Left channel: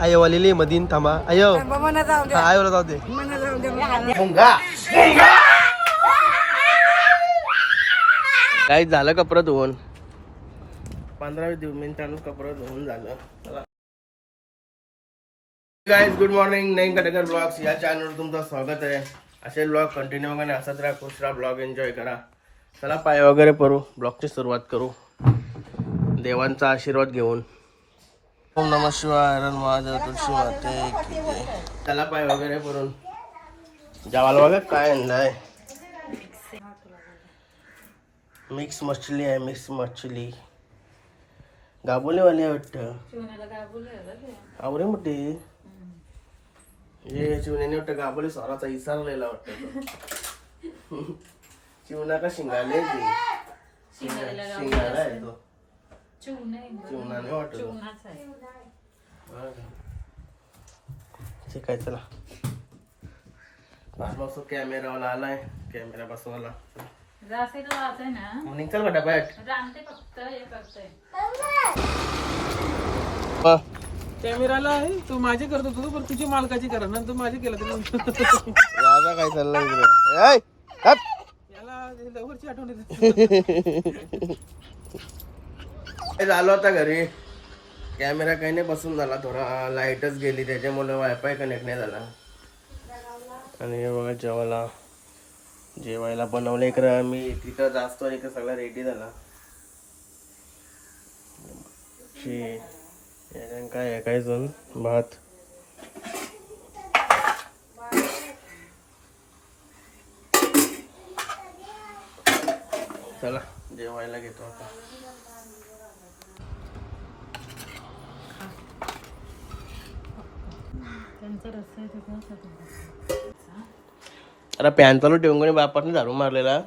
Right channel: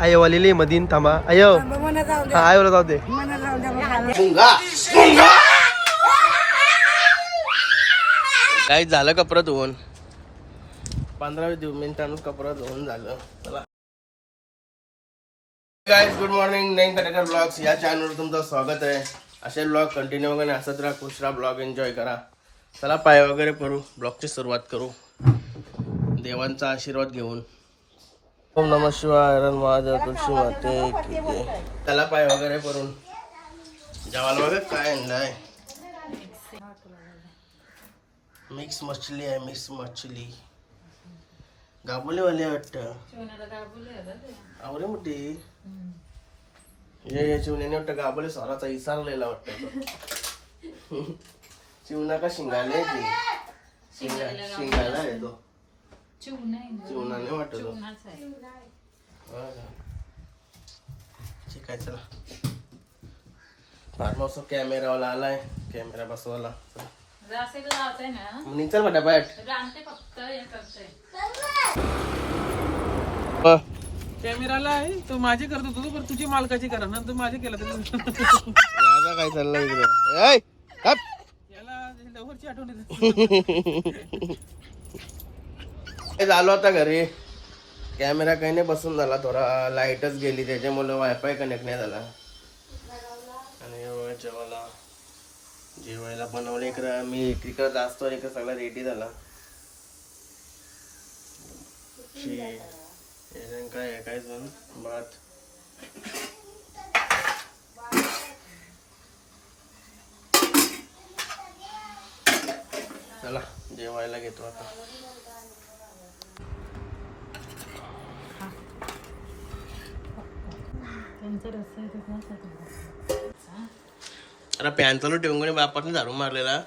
आयो आलेली मधीन थांबा. आयो. मना जाऊ हा आयोला जाऊ दे. मना जाऊ मुंगा काय झालं कपडं धुवून? पंधरा वीस मिनिटांनी कपडं धुवून झालं. चला. गाईज गुड मॉर्निंग नईन कटेकर ब्लॉग्स या चॅनलवर तुमचं स्वागत आहे. असे ब्लॉग कंटिन्यू वगैरे असत राहा खुश राहा ब्लॉग एन्जॉय करा. चला पाय वगैरे पडू. ब्लॉगची सुरुवात करू. देवांचा आशीर्वाद घेऊन. ओम नम शिवाय हरण महादेव तुळशी माते की जय। त्याला पाय वगैरे पडून. जेवायला बघा काय आणलाय मिक्स मछली आहे मिक्स मछली. गाबोलीवाली आहे वाटतं. आवरे मोठी. ये चिवण्याने वाटतं गाबोली स्वराचा इसारलेला वाटतं तो. चिवणा का शिंगाले शिंगाला आहे तो चिवणाने वाटत? ठीक आहे चला. कॅमेरावाला आलाय कॅमेरा बसवाला मग चल बेटा बैठ हो. कॅमेराला आहे तू माझी करत होतो पण तुझी मालकाची करा ना तू माझी केलं तरी दादा काय चाललंय. याला लवकरची आठवण येते. हे झालो आता घरी. कॅमेरा काही नाही बसून झाला थोडा. लाईटच गेली त्याच्यामुळे वायफाय कनेक्ट नाही झाला. आणि बघा जेवायला. जेवायला बनवलं इकडं. मी तिकडं जास्त इकडं सगळा रेडी झाला. काय आहे काय जण भात. चला जेवायला घेतो आता. अरे पॅन चालू ठेवून कोणी बापाने झाडू मारलेला?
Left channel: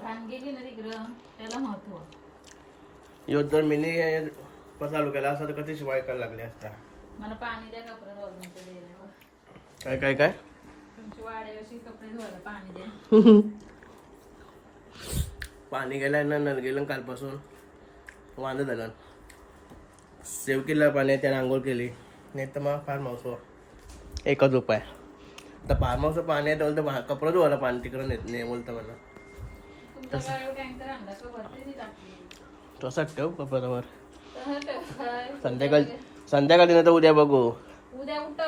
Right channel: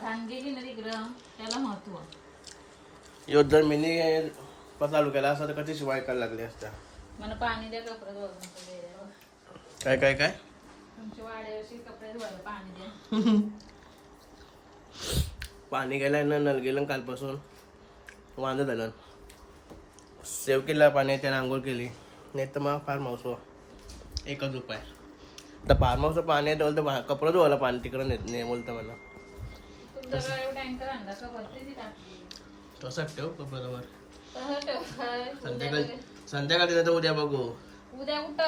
यो जर मिनी चालू केला असता तर कधी शिवाय करायला लागले द्यायला. काय काय काय? पाणी गेलाय ना नल गेलं कालपासून. वांदं झालं. सेव केला पाणी त्याने आंघोळ केली. नाही तर मग फार्म हाऊस एकच उपाय तर फार्म हाऊसचं पाणी आहे तर बोलतं कपडं धुवायला पाणी तिकडं नेत नाही बोलतं मला. तुमच्याकडे टँकर आणला का भरते ती टाकी तसंच ठेव कपड्यावर तसं. संध्याकाळी संध्याकाळी नाही तर उद्या बघू. उद्या उठ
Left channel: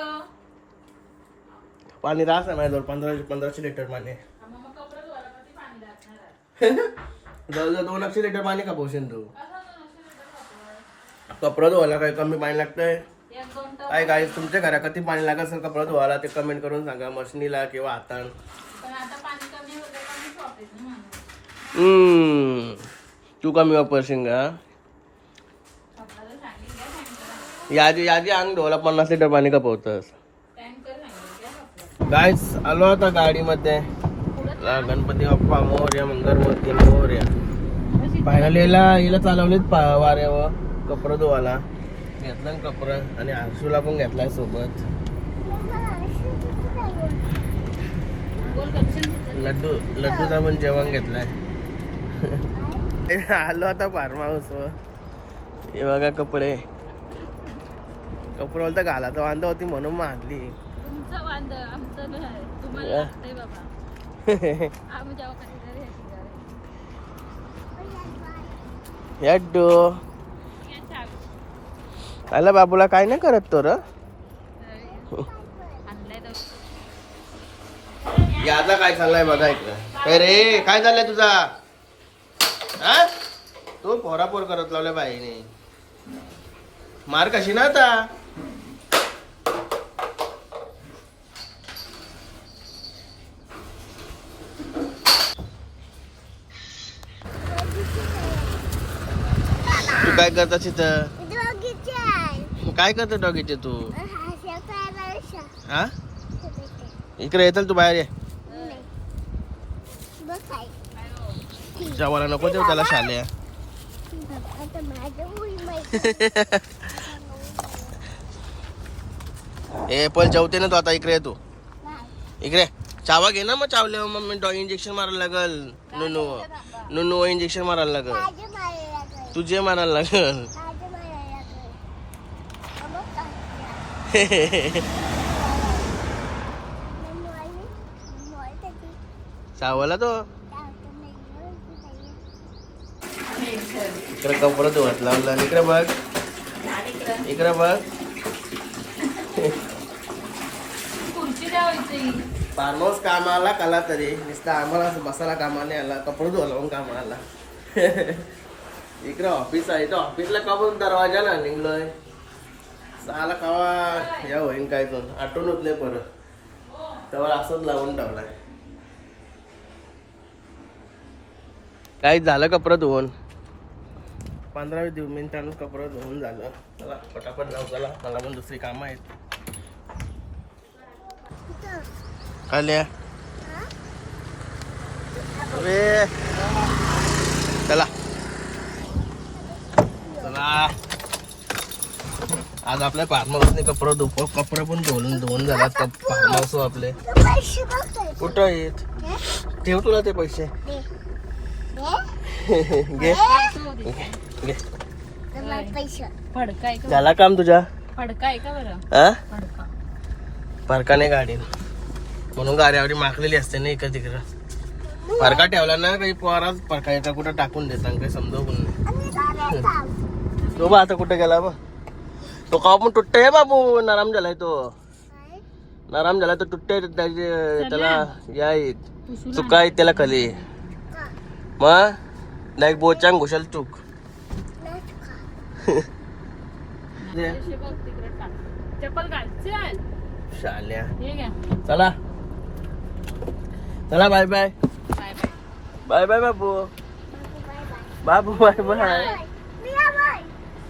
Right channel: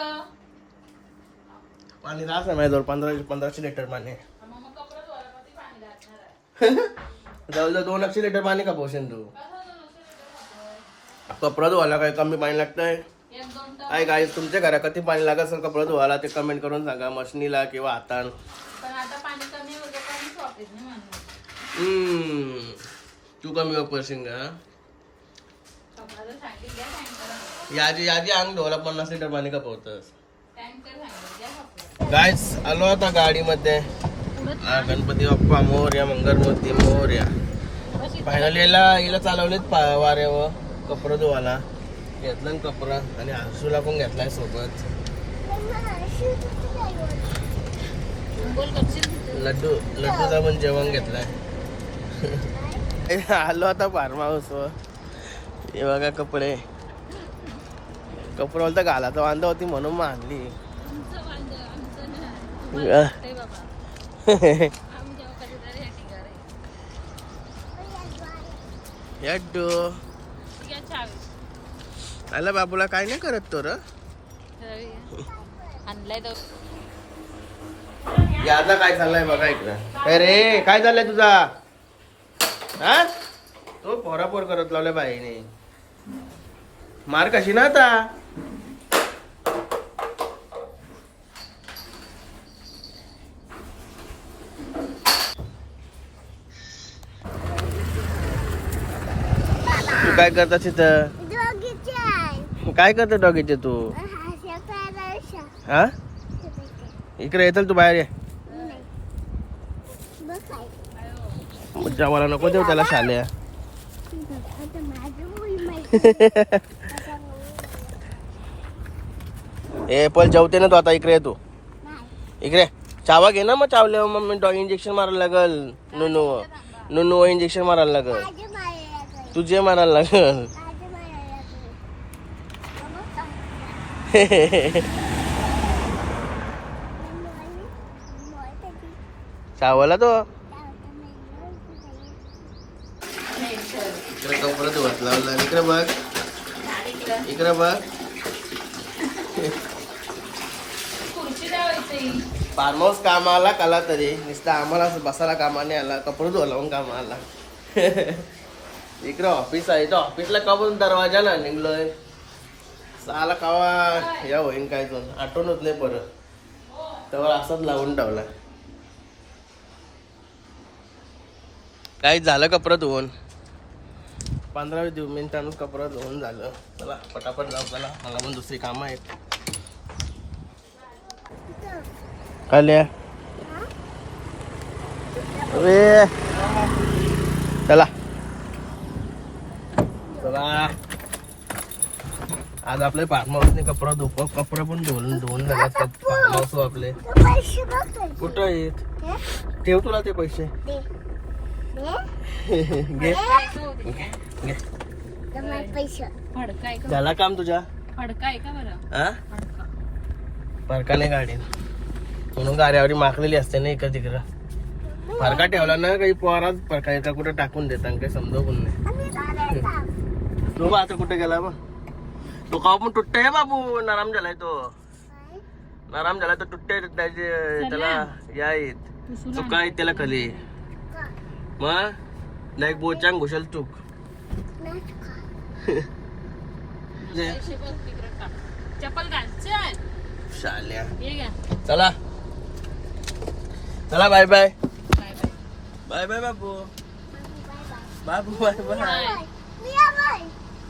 पाणी राहत नाही जवळ पंधराशे पंधराशे लिटर पाणी जवळजवळ दोन अक्षे लिटर पाणी का पोषण तू? कपडं धुवायला काय कमी पाणी लागतंय? काय काय तुमच्या घरात किती पाणी लागत असेल कपडं धुवायला ते कमेंट करून सांगा. मशनीला किंवा हातान. तू कमी वापरशील का? यादी यादी अंग धुवायला पन्नास लिटर पाणी कपवतस. गायस आलो आता गाडीमध्ये. गणपती बाप्पा मोर्या मंगलमूर्ती मोर्या. फायनली याला याला चालवलेत वाऱ्यावर. कपडं धुवायला. घेतलं कपडं. आणि आरशूला पण घेतलाय सोबत. लड्डू लड्डूचा पण जेवण घेतलाय. आलो आता फार्म हाऊस हे बघा कपडे. कपडे बोलता घालायचं वांदा होती म्हणून ठिकाण लड्डू. आला बाबूला काय नाही करत तो र. आणलाय तो. याचा काय चाललाय बघा इकडं. काय रे काय चाललंय तुझा? हा? तू पोरापोर करत लावल्या बाईने. मार कशी ना आता? तू काय करता तिथं काय करतो डॉगीचे तू? हा? इकडे येतल तू बाहेर ये. जेवायला नको देऊ त्याला शाल्या ए पण जेवते ना तू आता इकडे ये तू. इकडे. चावा घे ना मग चावल्यावर मग मी डॉग इंजेक्शन मारायला लागल. नुनू नुनू इंजेक्शन मारायला लागल. तुझे मारायला लागल. सावला तो? इकडे कपडे धुवत लावला इकडे बघ. इकडे बघ. फार्म हाऊस कामाला कला तरी. नुसतं आम्हाला असं बसायला कामाने आला. कपडे धुवा लावून कामा आला. इकडे ऑफिस आहे. तो ऑफिसला कमून दरवाजा ना निघलोय. साला कावा या होईन काय दोन आठवण होत नाही परत तेव्हा असंच लावून ठेवलाय. काही झालं कपडे धुवून पंधरा वीस मिनिटानं कपडे धुवून झालं. चला पटापट जाऊ चला. मला पण दुसरी कामं आहेत. काल्या. चला. चला. आज आपल्या फार्म हाऊसने कपडे धुप कपडे पण धुवून धुवून झाल्यात. फार्म हाऊस आपले. कुठं आहेत? ठेव तुला ते पैसे. घे. घे. फडकाय का झाला काम तुझ्या फडकाय का बरं हा फडका फरकाने गाडी. म्हणून गाड्यावर माखलेली असते ना इकडं तिकडं. फरका ठेवला ना काही पोराच फरका एका कुठं टाकून देतात काही समजा पण नाही. तो बा आता कुठं गेला बा? तो का पण तुट्ट बाबू. नराम झालाय तो. नराम झालाय तो तुट्ट त्याचे त्याला या आहेत. चुका आहेत त्याला खाली. मग नाही बोचांग घुशाल चूक. शाल्या. चला. चला bye bye. Bye bye. Bye bye बाबू. बाबू बाय. बाय.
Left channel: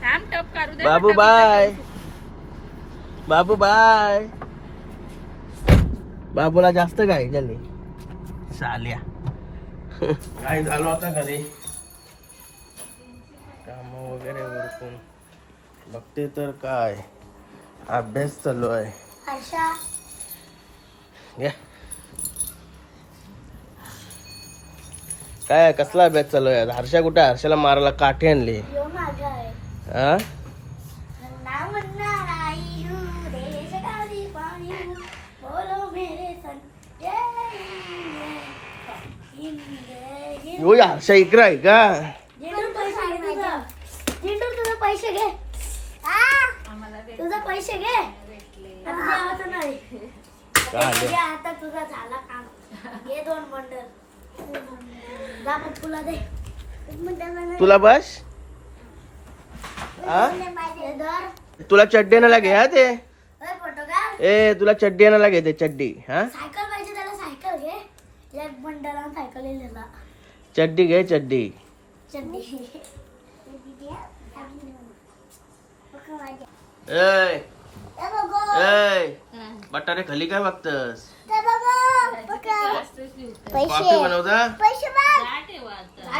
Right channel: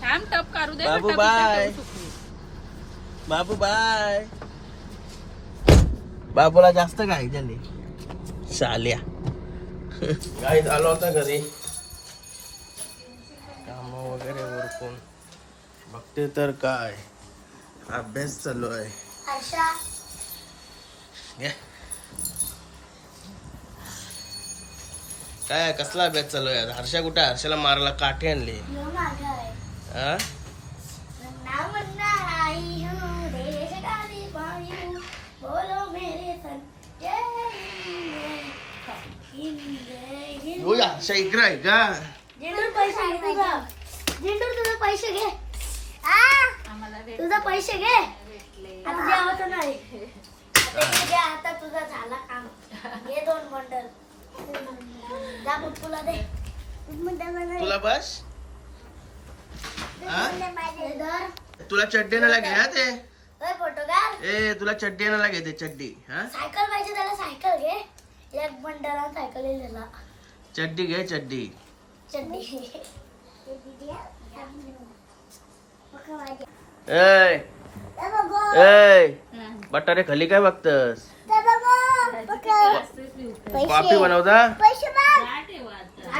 थांब टप काढू दे बाबू, बाय. बाबू बाय. बाबूला जास्त काय झाले. शाल्या गाई झालो आता घरी. काम वगैरे उरकून बघते तर काय. अभ्यास चालू आहे. काय कसला अभ्यास चालू आहे? हर्षा कुठे? हर्षाला मारायला काठी आणली. हा हर्षा इकडे आहे का तुझं पैसे घे. तुझं पैसे घे आता तुझा झाला काम घे दोन बंडल तुला बस हा? धर. तुला चड्डी आणायला घे हा ते? ए तुला चड्डी आणायला घे ते चड्डी हा? सायकल पाहिजे त्याला सायकल घे. एक बंडल सायकल चड्डी घे चड्डी. चड्डी. ए ए बटारे खाली काय बघतस? बनवता? पैसे माग. काय ठेवा आता?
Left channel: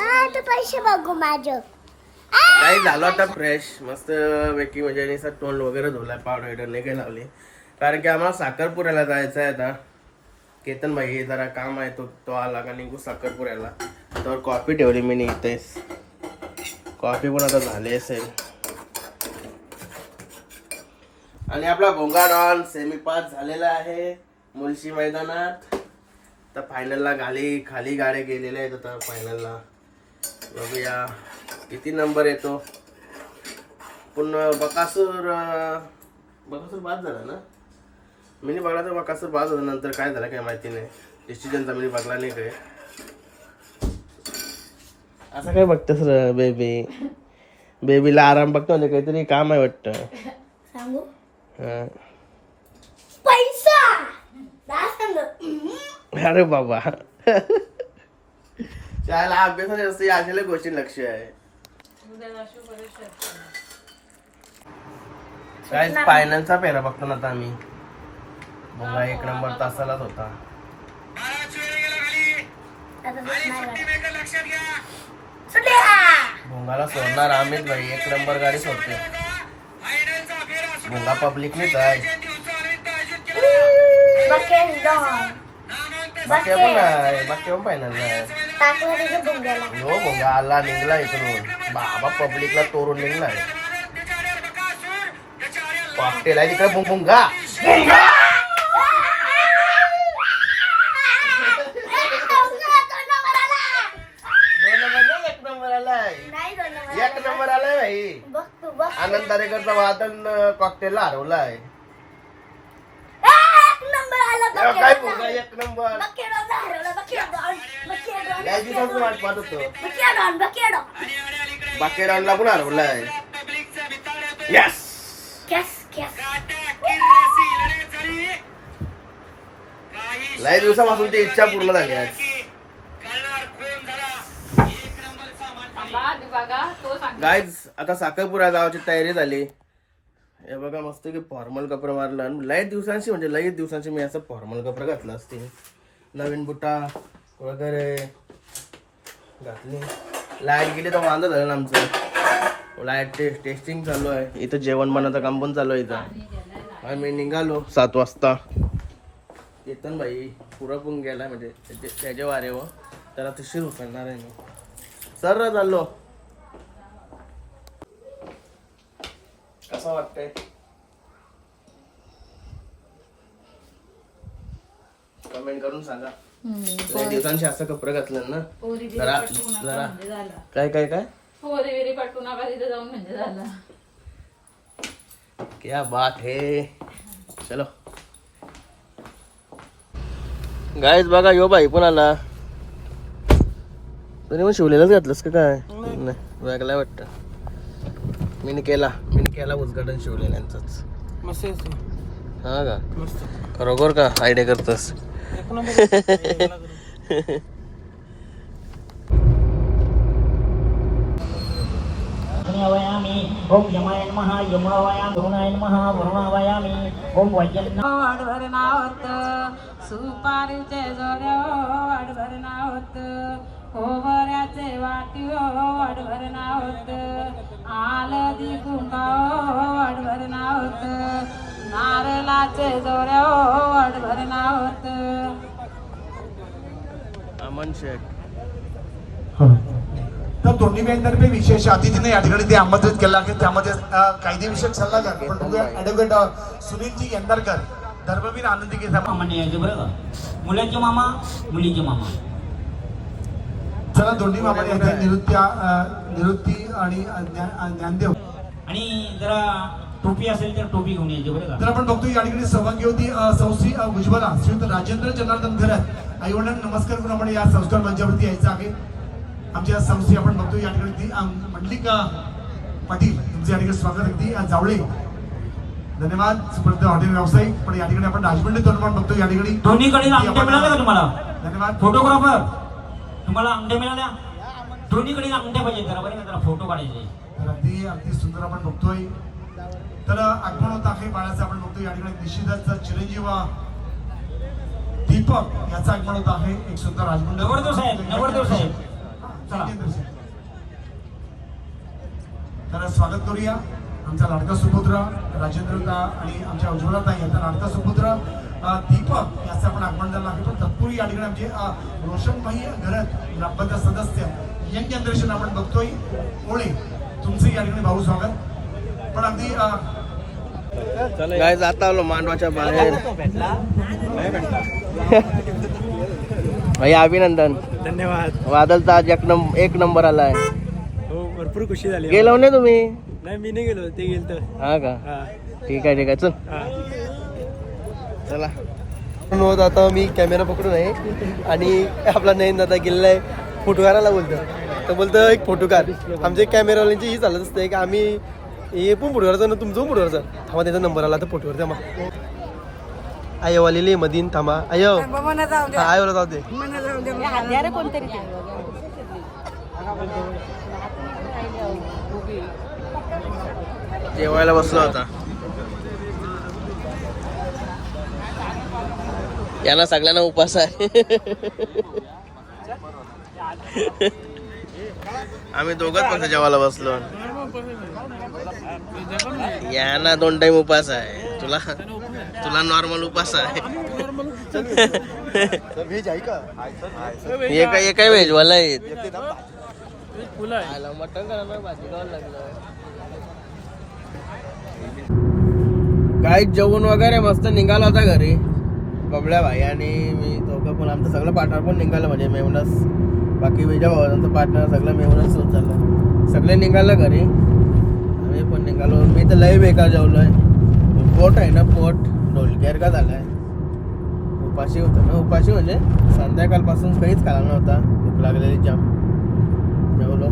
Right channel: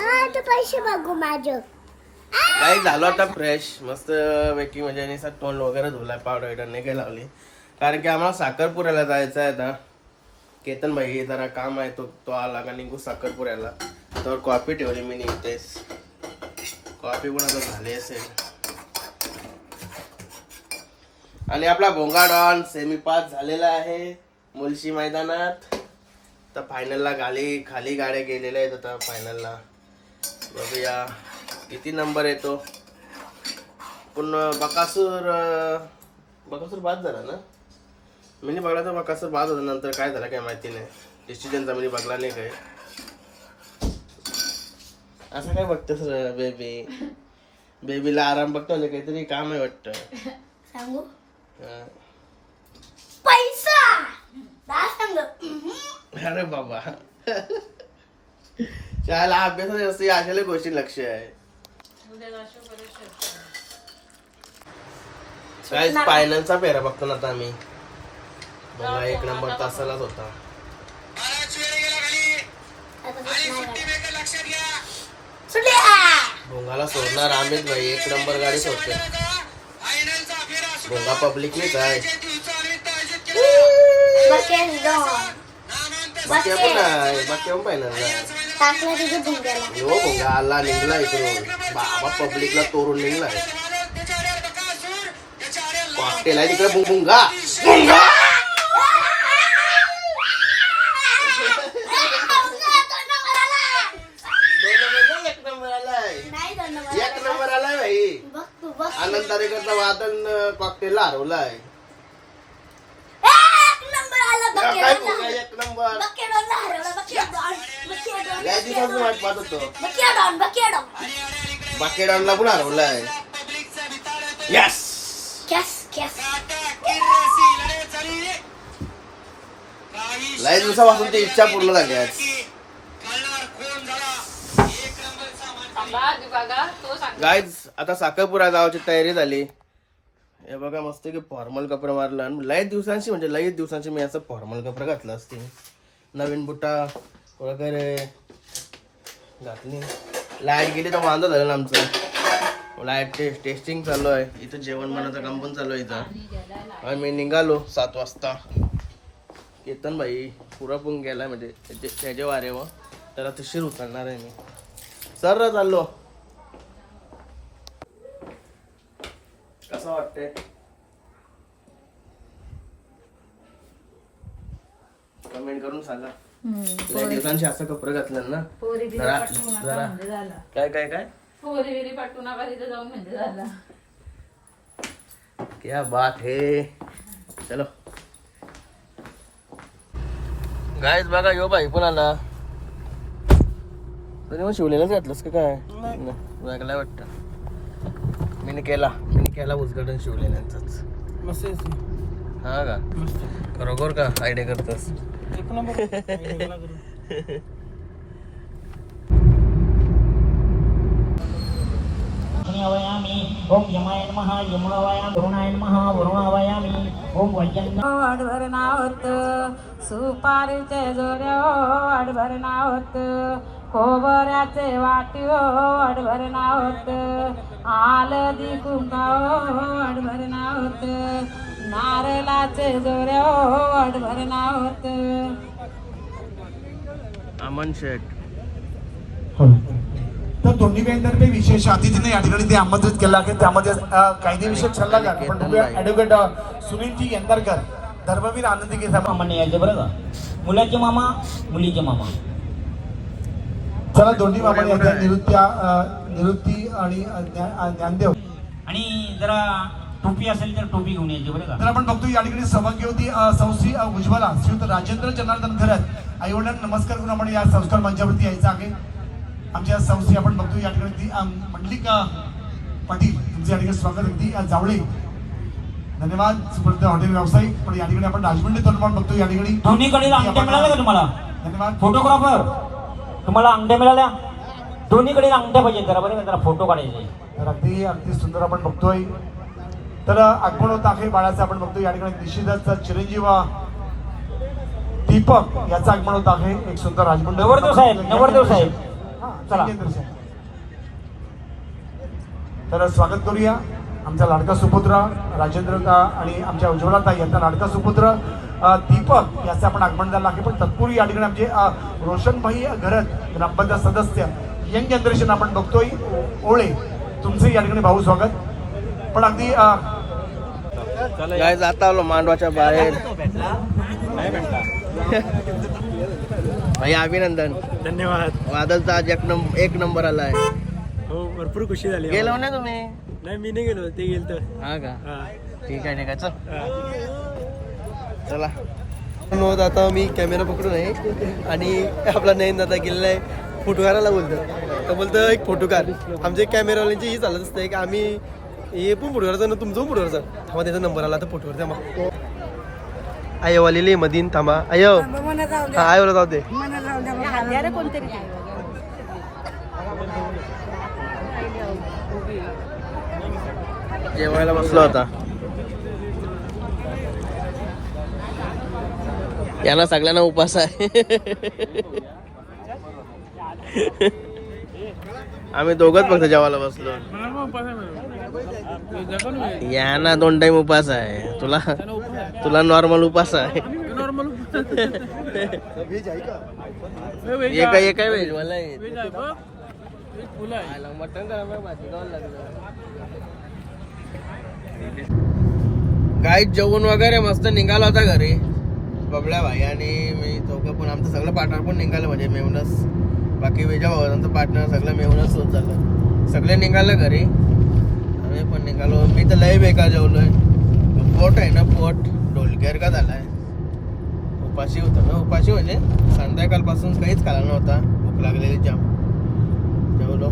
आ, तू पैसे बघू माझं. काही झालं आता फ्रेश मस्त पैकी म्हणजे तोंड वगैरे धुलाय पावडर वगैरे नाही काही लावली. कारण की आम्हाला साखरपुऱ्याला जायचं आहे आता. केतन भाई हे जरा काम आहे तो तो आला का निघू साखरपुऱ्याला. तर कॉफी ठेवली मी निघतेस कॉफी पण आता झाली असेल. आणि आपला भोंगा डॉन सेमी पास झालेला आहे मुलशी मैदानात. तर फायनलला गाली खाली गाड्या गेलेल्या आहेत आता फायनलला बघूया. किती नंबर येतो पण बकासूर बकासूर बाद झाला ना? मी बघला तर बकासूर बाद होता नंतर काय झालं काय माहिती नाही. डिसिजनचा मी बघला नाही काय असं काय बघतस र बेबी बेबीला आराम बघतो म्हणजे काहीतरी काम आहे वाटतं. सांगू? हं. पैसा! अरे बाबा. शाळेला अभ्यासात जास्त अशा गोष्टी लक्ष आहे उद्या जाशो बरं शर्ट. काय फायनान्सचा पेरा बघतो ना आता आम्ही. बघा एक नंबर तासालाच होता. भोंगाला सोडणार अमित भाई. एक नंबर गाडी सोडते. भोंगा पब्लिक नाहीच आहे. बाकी पण नाही. बाकी पण नाही टाकलं तुझ्या भुंग्याला हो भोंगा आला निघला इकडून बाबा पब्लिकला तोरून निघलाय. कॉकटेल आहे तिकडे नंबर नाही, एक नंबर आलाय भाई आनंद तारेकरचा वादन कॉकटेलला हरवलाय एक नंबर आला बघ काय पुंगा एक नंबर. बकेडॉन हरवला बकेडॉन बकेडॉन लय दिवसाची वाट पाहत होतो. बकेडॉन बकेडॉन बाकेडानला पण हरवलाय. यस लय दिवसापासून ती इच्छा पूर्ण झाली आज. गाईज आता साखरपुरा जावाची तयारी झाली. हे बघा मस्त की फॉर्मल कपडा मारलं. आणि लय दिवसांशी म्हणजे लय दिवसांशी मी असं फॉर्मल कपडा घातलं असते. नवीन बुटा वगैरे घातली. लाइट गेली तर वांदा झालं ना आमचं. लाइट टेस्ट टेस्टिंग चालू आहे. इथं जेवण मनाचं काम पण चालू आहे इथं. आणि मी निघालो सात वाजता. केतन भाई पुरा पण गेला म्हणजे त्याचे त्याचे वारे व. त्याला तशीर उचलणार आहे मी. सर चाललो. कसं वाटतंय. कमेंट करून सांगा. लय दिवसांशी असं कपडे घातलं ना. जरा जरा काय काय काय? पोरी बिरी नका तिथे जाऊन म्हणजे झाला. क्या बात है. चलो. गायच बघा यो बाई पण आला. तरी मग शिवलेलंच घातलंस का काय? नाही. वेगळं वाटतं. मी केला. केला उद्घाटन शिवलेल्यांच मस्त. हा का? मस्त. खरोखर का? आयडिया करतस? एक नंबर आहे. वयामि ओम यमाय नमः यमावयामि वरुणाय नमः वरुणावयामि ओम वैजन्य वाडभर नाव होतं सुपारीचे जोडे हो वाडभर नाव होतं खोबऱ्याचे वाटी हो वाडभर नाव होतं आलदी कुंका हो वाडभर नाव होतं नारळाचे जोडे हो वाडभर नाव होतं अमन शेठ. तर दोन्ही बँकांतर्फे विशेष अतिथीने या ठिकाणी ते आमंत्रित केलं आहे. त्यामध्ये कायदेविषयक सल्लागार पण बघूया ॲडव्होकेट सुनीलजी यंदरकर धर्मवीर आनंदी मामा यायचं बरं का? मुलाचे मामा मुलीचे मामा. चला दोन्ही मामा येते निवृत्ती आणि ज्ञानदेव. आणि जरा टोपी असेल तर टोपी घेऊन यायची बरं तर का आपण बघतो या ठिकाणी सहभागी होती संस्थी उज्ज्वला श्रीयुत राजेंद्र जनार्दन खरत आई वडिलांना नमस्कार करून आपण या संस्कार मंचावरती यायचं आहे. आमच्या संस्थी आपण बघतो या ठिकाणी ती मंडलिक अ, पाटील. तुमचे या ठिकाणी स्वागत अगदी जावळे. धन्यवाद. स्पर्ध हॉटेल व्यावसायिक. पण या ठिकाणी आपण राजमंडळीतून पण बघतो या ठिकाणी. दोन्हीकडे का धन्यवाद. फोटोग्राफर तुम्हाला अंगठ्या मिळाल्या? दोन्हीकडे अंगठ्या पाहिजे जरा बरं जरा फोटो काढायचे. तर अगदी अगदी सुंदर आपण बघतोय. तर आगमन होत आहे बाळाचं आपण बघतो या ठिकाणी निश्चितच चिरंजीव दीपक याचं आगमन होत आहे एक सुंदर राजमंडळ नवरदेव साहेब नवरदेव साहेब. चला. तर स्वागत करूया. आमचा लाडका सुपुत्र राजेंद्र आणि आमच्या उज्ज्वला ताई यांचा लाडका सुपुत्र. दीपक याचं आपण आगमन झालं आहे. पण तत्पूर्वी या ठिकाणी आमचे रोशनभाई घरत ग्रामपंचायत सदस्य यंग जनरेशन आपण बघतोय. ओळे तुमचं या ठिकाणी भाऊ स्वागत. पण अगदी अ, गाय जाता आलो मांडवाच्या बाहेर. भैया अभिनंदन. धन्यवाद. वादलचा आज एक नंबर एक नंबर आलाय. हो भरपूर खुशी झाली. गेलो नाही तुम्ही? नाही मी नाही गेलो. ते गेल तर हा का? ठीक आहे ठीक आहे. चल. चला. होत आता मी कॅमेरा पकडून आहे आणि आपला नयन दादा गेलेला आहे फोटो काढायला बोलतो तर बोलतं एक फोटो काढ आमच्या कॅमेरावाल्यांची ही चालत असते की आम्ही हे पण फोटो काढायचं ना तुमचं पण फोटो काढायचं थांबा त्याचा नंबर आला तर फोटोवर थांबा. आयो आलेली मधीन थांबा. आयो. हा आयोला जाऊ दे. जेवायला बसलो आता. याला सगळ्यांना उपास आहे. आम्ही दोघच फक्त जेवायला बसलो. या ना दोन टाइम उपास आहे. तुला तुला नॉर्मल उपास आहे. एका एका व्हेज वाला आहे? मटण करायला भाजी खावं लागलं. काय जेवण वगैरे मस्त निघाला होता घरी. बबड्या भाई आणि मी दोघं पण आमचं सगळं पार्टनर पण निघालं म्हणजे मेहूनच बाकी विजा भावांचं पार्टनर सगळं मेहूनच होत झालं सगळे निघालं घरी. आम्ही पण निघालो. मी तर लय बेकार आहे पोट आहे ना पोट. ढोलकेर का झाला आहे उपाशी होतं ना. उपाशी म्हणजे संध्याकाळपासून काहीच खाला नव्हता. भूक लागलेली जाम. जेवलो.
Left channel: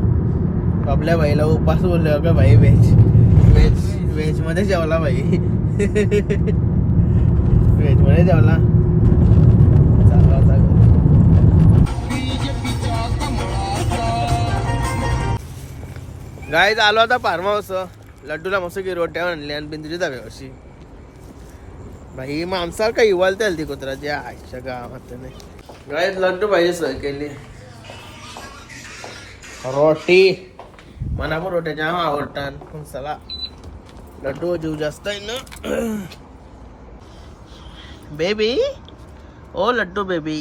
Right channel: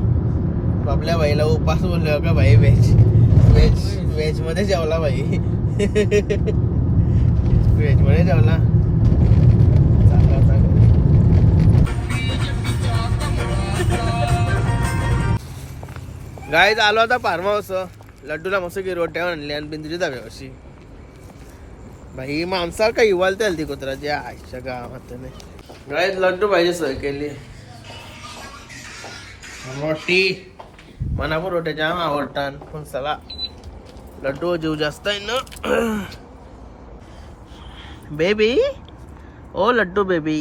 आपल्या बाईला उपास बोलले का भाई व्हेज व्हेज व्हेजमध्ये जेवला बाई व्हेजमध्ये जेवला चालला होता गाईत आलो आता फार्म हाऊस. लड्डूला मस्त की रोट्या आणली आणि बिंदरी जावे अशी. भाई माणसाला काही इवालता ती कुत्रा. आईच्या गावात नाही गाईत लड्डू पाहिजे सोय केली. रोटी. मला पण रोट्याच्या आवडतात पण चला. लड्डू जीव जास्त आहे ना. बेबी ओ लड्डू बेबी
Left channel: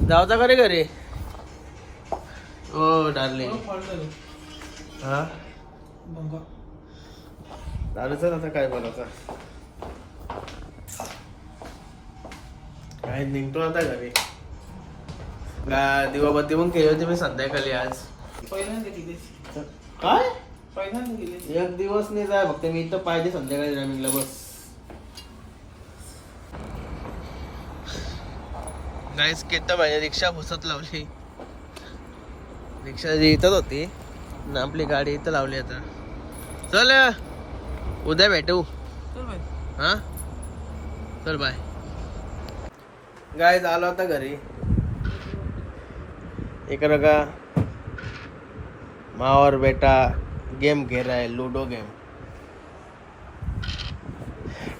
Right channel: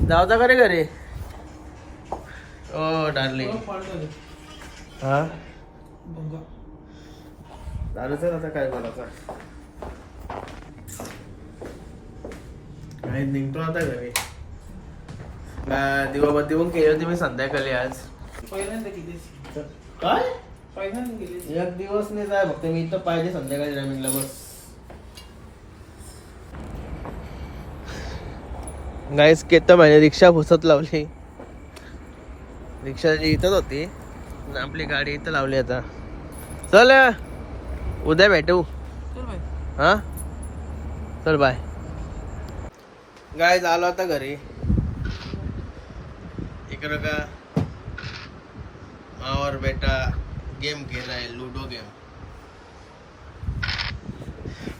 जाऊचा का रे घरी ओ डार्लिंग हा चालूच आता काय बोलायचं काय निघतो आता घरी दिवाबत्ती पण केली होती मी संध्याकाळी आज काय एक दिवस नाही जाय फक्त मी इथं पाहिजे संध्याकाळी रनिंगला बस गाईस केत माझी रिक्षा घुसत लावली. रिक्षा जी इथंच होती. आपली गाडी इथं लावली आता. चल उद्या भेटू. हा? चल बाय. गाय आलो आता घरी. इकडं का? मावर बेटा. गेम रहा है लूडो गेम।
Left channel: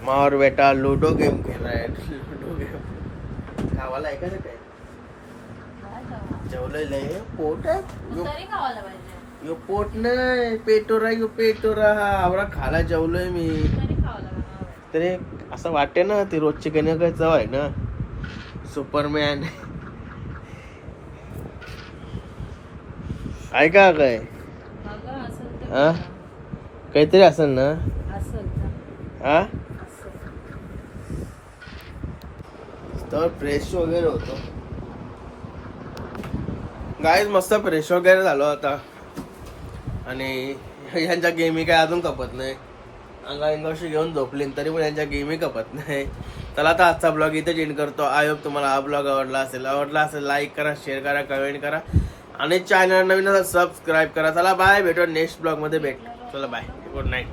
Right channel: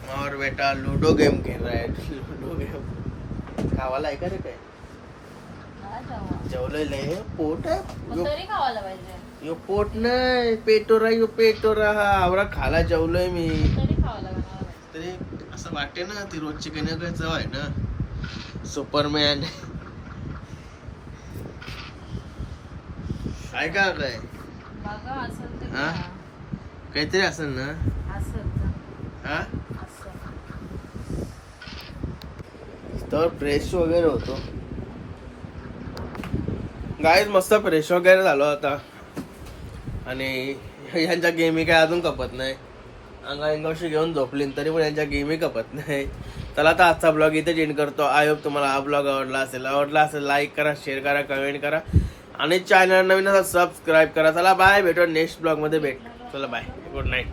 मावर बेटा लूडो गेम खेळ रहा है लूडो गेम। खावाला आहे का रे काय जेवलंय लय पोट आहे यो पोट नाही पेटोरा यो पेटोरा हा आवरा खाला जेवलोय मी। तरी असं वाटते ना ती रोजची काही ना काही चव आहे ना? सुपरमॅन आहे का काय? हा? काहीतरी असेल ना? हा? तर फ्रेश वगैरे होतो. गायच मस्त फ्रेश वगैरे झालो आता. आणि यांच्या गेमी काय अजून कपत नाही. अंगा अंगाशी घेऊन झोपली तरी पण यांच्या गेमी कपत नाही. चला आता आजचा ब्लॉग इथे एंड करतो. आय होप तुम्हाला हा ब्लॉग आवडला असेल. आवडला असेल लाईक करा शेअर करा कमेंट करा. आणि चॅनल नवीन सबस्क्राईब करा. चला बाय भेटू नेक्स्ट ब्लॉगमध्ये. भेट. चला बाय गुड नाईट